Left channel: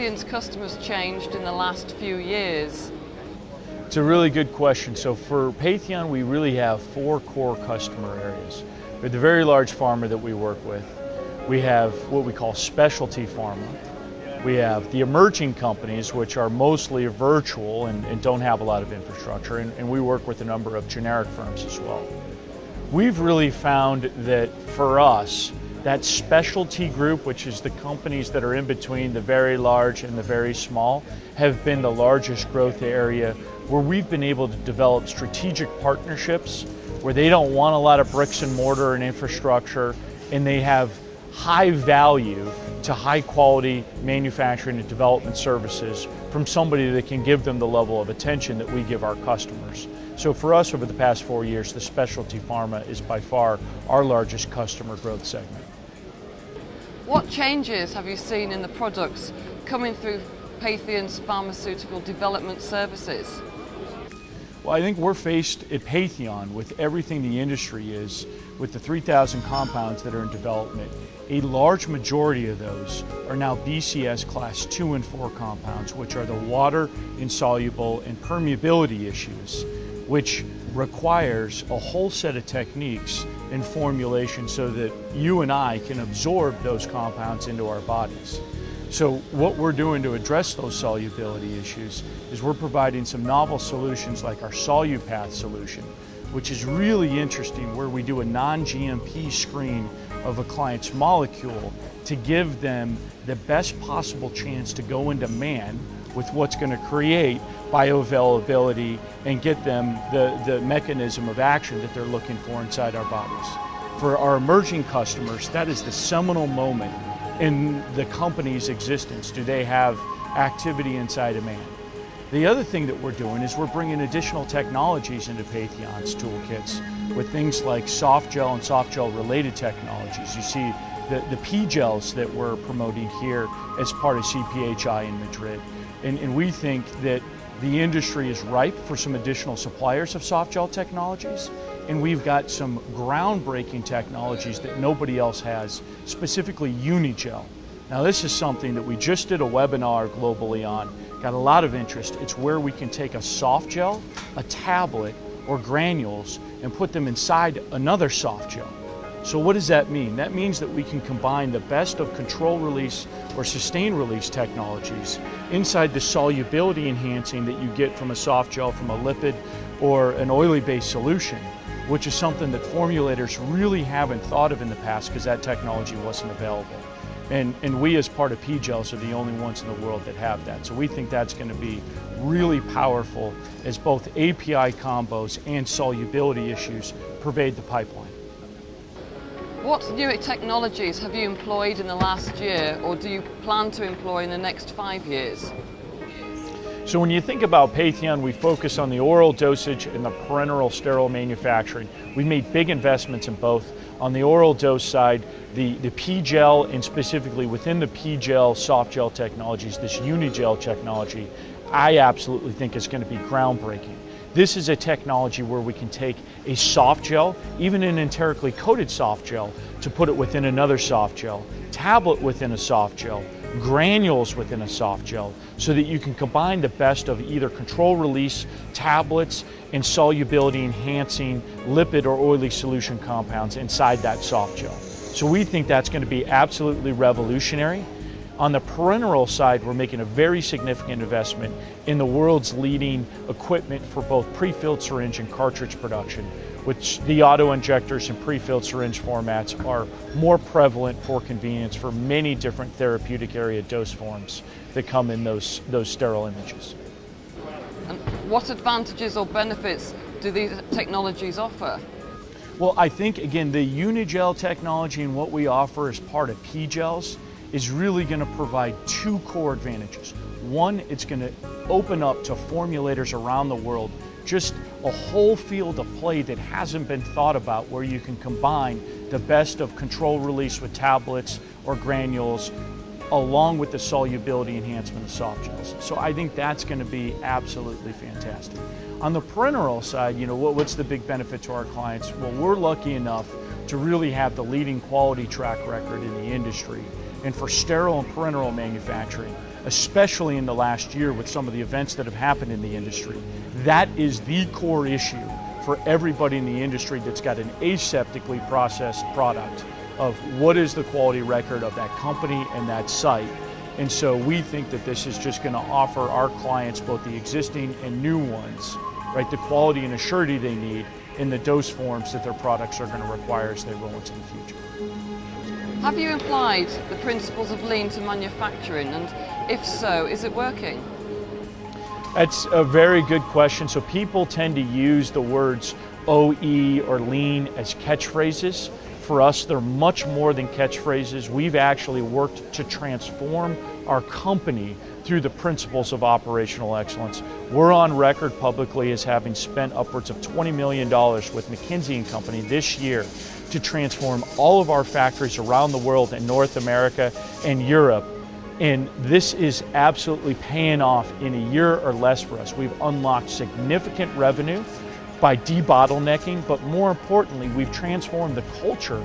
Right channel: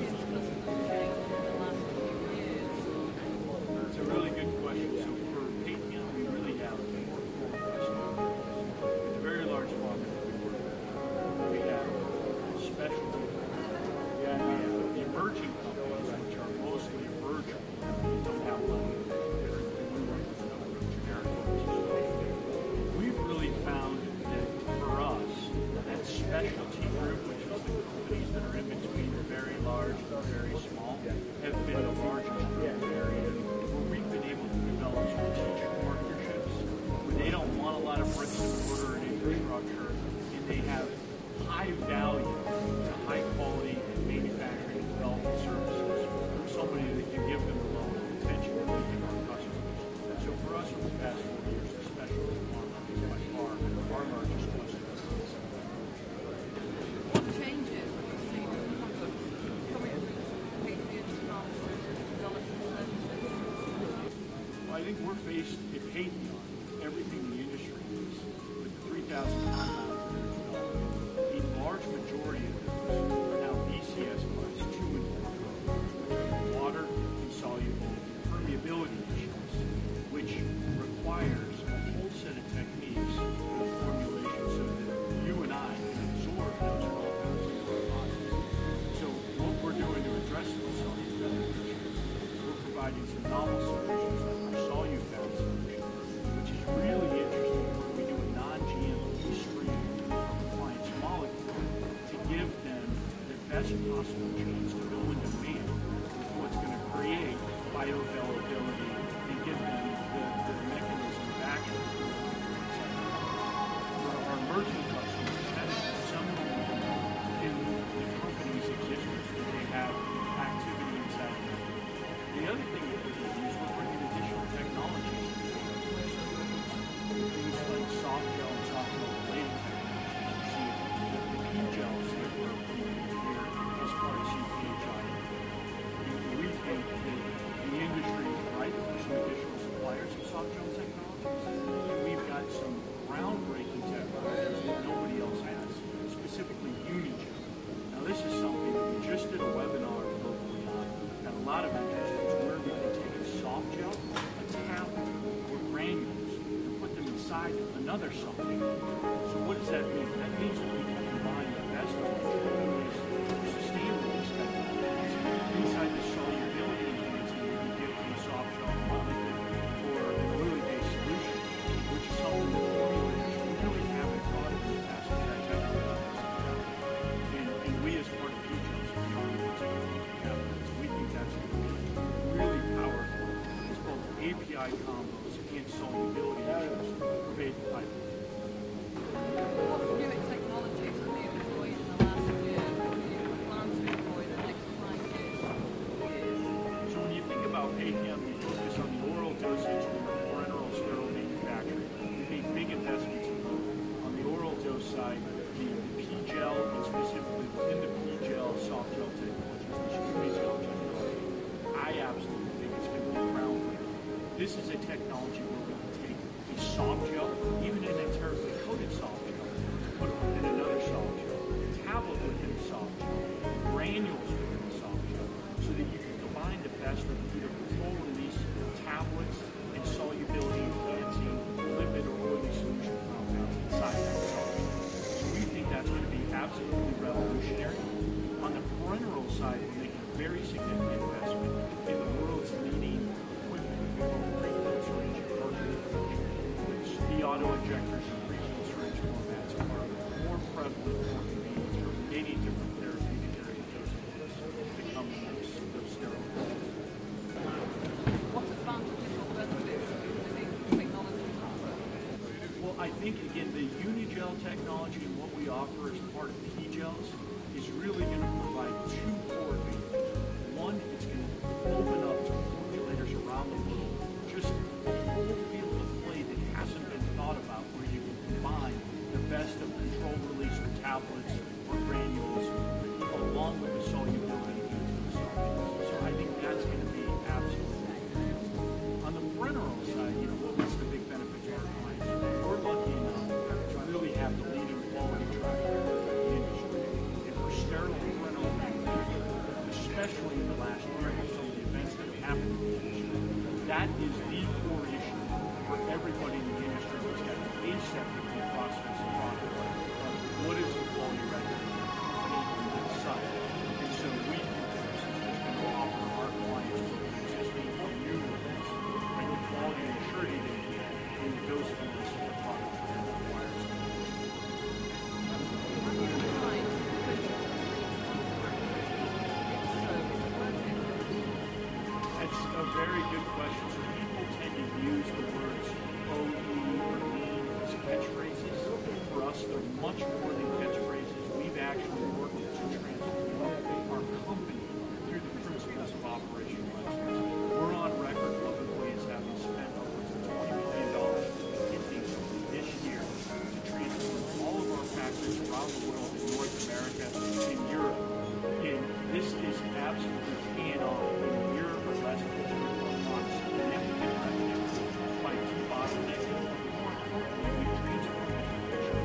Patheon's customers changed in the last few years? It's a really good question. So for Patheon, we really have 4 core customer areas. We have the very large pharma that we work with. We have what we call specialty pharma. We have the emerging companies, which are mostly virtual and don't have a lot of infrastructure, and we work with a number of generic firms as well. We've really found that for us, that specialty group, which is the companies that are in between the very large and the very small, have been the largest growth area where we've been able to develop strategic partnerships where they don't want a lot of bricks and mortar and infrastructure, and they have high value to high quality manufacturing and development services from somebody that can give them the level of attention that we give our customers. So for us over the past 4 years, the specialty pharma is by far our largest customer growth segment. What changes have you seen in the products coming through Patheon's pharmaceutical development services? Well, I think we're faced at Patheon with everything the industry is, with the 3,000 compounds that are in development. A large majority of those are now BCS class 2 and 4 compounds, which are the water insoluble and permeability issues, which requires a whole set of techniques in formulation so that you and I can absorb those compounds into our bodies. So what we're doing to address those solubility issues is we're providing some novel solutions like our SoluPath solution, which is really interesting, where we do a non-GMP screen of a client's molecule to give them the best possible chance to go into man with what's going to create bioavailability and get them the mechanism of action that they're looking for inside our bodies. For our emerging customers, that is the seminal moment in the company's existence. Do they have activity inside of man? The other thing that we're doing is we're bringing additional technologies into Patheon's toolkits with things like soft gel and soft gel related technologies. You see the P-gels that we're promoting here as part of CPhI in Madrid. And we think that the industry is ripe for some additional suppliers of soft gel technologies, and we've got some groundbreaking technologies that nobody else has, specifically Unigel. Now this is something that we just did a webinar globally on, got a lot of interest. It's where we can take a soft gel, a tablet, or granules and put them inside another soft gel. So what does that mean? That means that we can combine the best of control release or sustained release technologies inside the solubility enhancing that you get from a soft gel, from a lipid or an oily based solution, which is something that formulators really haven't thought of in the past because that technology wasn't available. And we as part of P-gels are the only ones in the world that have that. So we think that's going to be really powerful as both API combos and solubility issues pervade the pipeline. What new technologies have you employed in the last year, or do you plan to employ in the next 5 years? So when you think about Patheon, we focus on the oral dosage and the parenteral sterile manufacturing. We made big investments in both. On the oral dose side, the P-gel, and specifically within the P-gel soft gel technologies, this Unigel technology, I absolutely think is going to be groundbreaking. This is a technology where we can take a soft gel, even an enterically coated soft gel, to put it within another soft gel, tablet within a soft gel, granules within a soft gel, so that you can combine the best of either control release tablets and solubility enhancing lipid or oily solution compounds inside that soft gel. So we think that's going to be absolutely revolutionary. On the parenteral side, we're making a very significant investment in the world's leading equipment for both pre-filled syringe and cartridge production, which the auto-injectors and pre-filled syringe formats are more prevalent for convenience for many different therapeutic area dose forms that come in those sterile images. And what advantages or benefits do these technologies offer? Well, I think, again, the Unigel technology and what we offer as part of P-gels is really going to provide 2 core advantages. One, it's going to open up to formulators around the world just a whole field of play that hasn't been thought about, where you can combine the best of control release with tablets or granules along with the solubility enhancement of soft gels. So I think that's going to be absolutely fantastic. On the parenteral side, you know, what's the big benefit to our clients? Well, we're lucky enough to really have the leading quality track record in the industry. And for sterile and parenteral manufacturing, especially in the last year with some of the events that have happened in the industry. That is the core issue for everybody in the industry that's got an aseptically processed product of what is the quality record of that company and that site. And so we think that this is just going to offer our clients, both the existing and new ones, right, the quality and assurity they need in the dose forms that their products are going to require as they roll into the future. Have you applied the principles of lean to manufacturing, and if so, is it working? That's a very good question. So people tend to use the words OE or lean as catchphrases. For us, they're much more than catchphrases. We've actually worked to transform our company through the principles of operational excellence. We're on record publicly as having spent upwards of $20 million with McKinsey & Company this year to transform all of our factories around the world in North America and Europe. And this is absolutely paying off in a year or less for us. We've unlocked significant revenue by debottlenecking, but more importantly, we've transformed the culture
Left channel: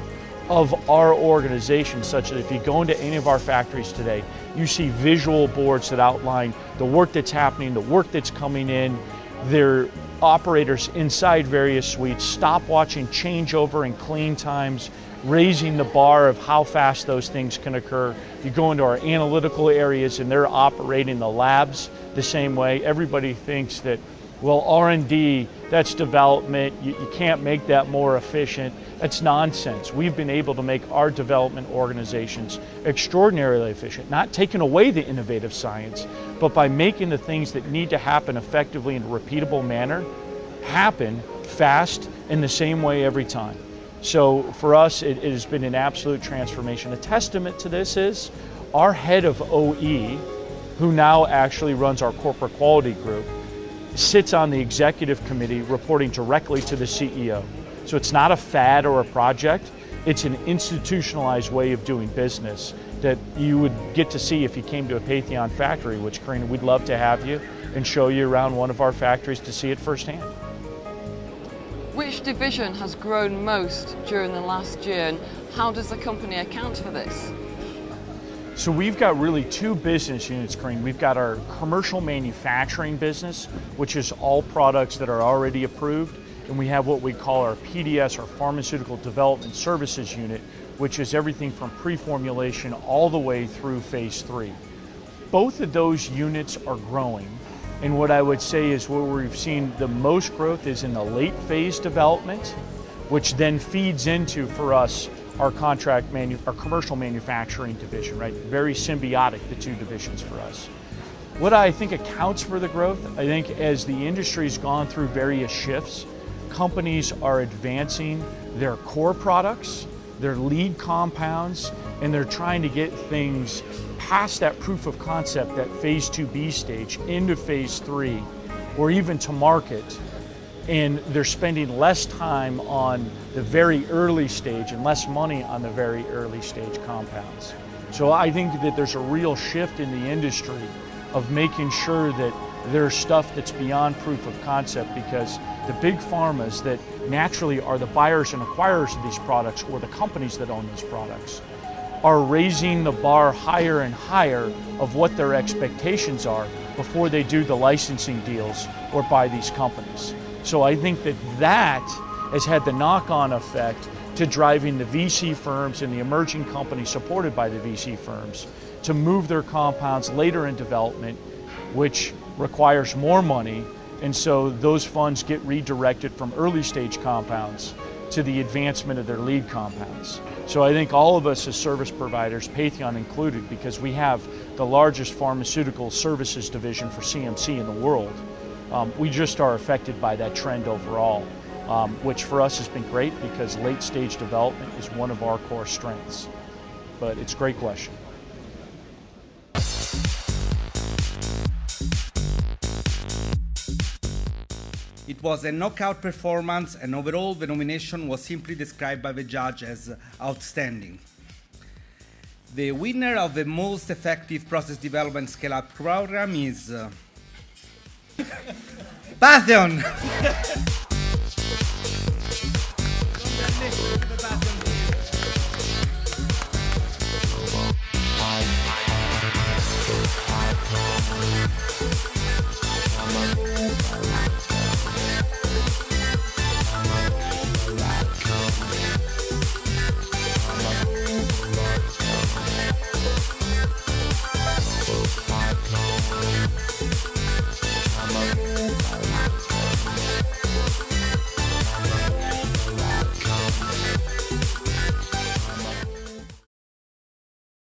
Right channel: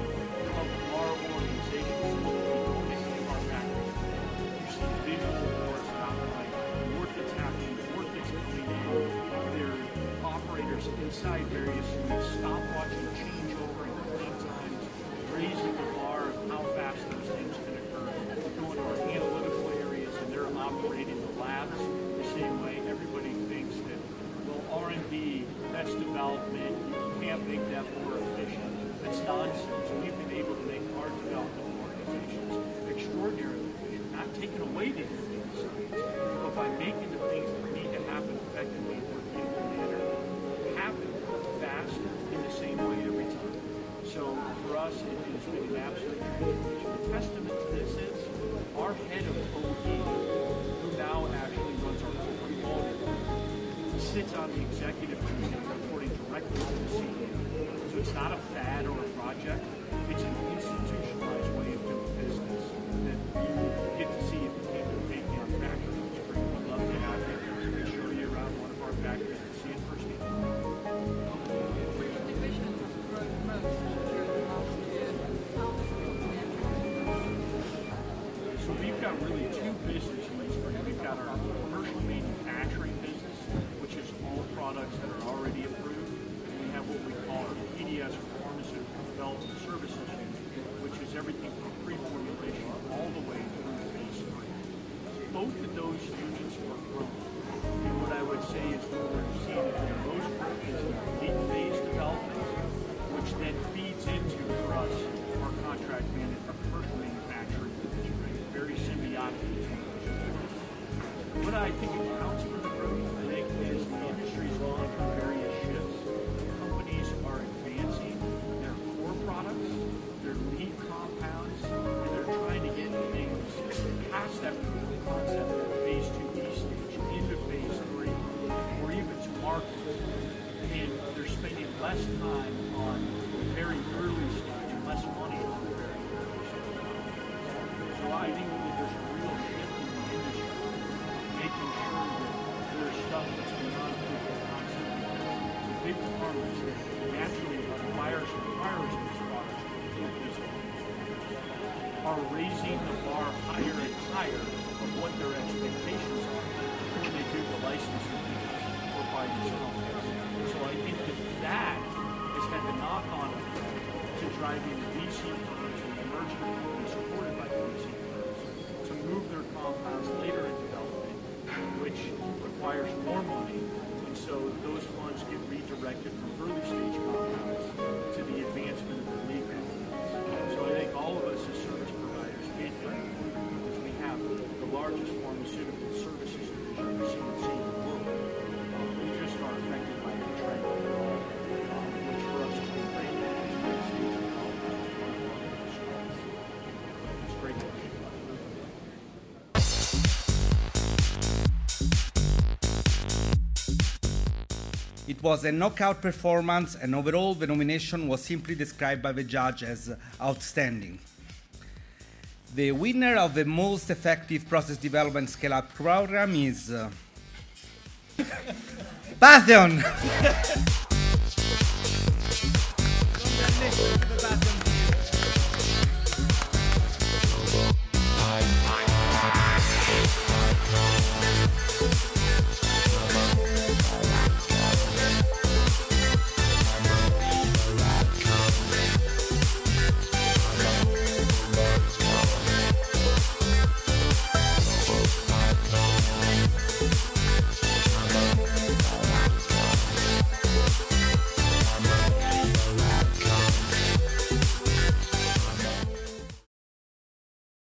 of our organization such that if you go into any of our factories today, you see visual boards that outline the work that's happening, the work that's coming in. Their operators inside various suites, stopwatching changeover and clean times, raising the bar of how fast those things can occur. You go into our analytical areas and they're operating the labs the same way. Everybody thinks that, well, R&D, that's development, you can't make that more efficient. That's nonsense. We've been able to make our development organizations extraordinarily efficient, not taking away the innovative science, but by making the things that need to happen effectively in a repeatable manner happen fast in the same way every time. So for us, it has been an absolute transformation. A testament to this is our head of OE, who now actually runs our corporate quality group, sits on the executive committee reporting directly to the CEO. So it's not a fad or a project, it's an institutionalized way of doing business that you would get to see if you came to a Patheon factory, which, Corrine, we'd love to have you and show you around one of our factories to see it firsthand. Which division has grown most during the last year, and how does the company account for this? So we've got really two business units, Corrine. We've got our commercial manufacturing business, which is all products that are already approved, and we have what we call our PDS, or Pharmaceutical Development Services unit, which is everything from pre-formulation all the way through phase 3. Both of those units are growing, and what I would say is where we've seen the most growth is in the late phase development, which then feeds into, for us, our commercial manufacturing division, right? Very symbiotic, the two divisions for us. What I think accounts for the growth, I think as the industry's gone through various shifts, companies are advancing their core products, their lead compounds, and they're trying to get things past that proof of concept, that phase 2B stage, into phase 3, or even to market. And they're spending less time on the very early stage and less money on the very early stage compounds. So I think that there's a real shift in the industry of making sure that there's stuff that's beyond proof of concept, because the big pharmas that naturally are the buyers and acquirers of these products, or the companies that own these products, are raising the bar higher and higher of what their expectations are before they do the licensing deals or buy these companies. So I think that that has had the knock-on effect to driving the VC firms and the emerging companies supported by the VC firms to move their compounds later in development, which requires more money, and so those funds get redirected from early stage compounds to the advancement of their lead compounds. So I think all of us as service providers, Patheon included, because we have the largest pharmaceutical services division for CMC in the world, we just are affected by that trend overall, which for us has been great because late stage development is one of our core strengths. But it's a great question. It was a knockout performance, and overall the nomination was simply described by the judge as outstanding. The winner of the most effective process development scale-up program is Patheon!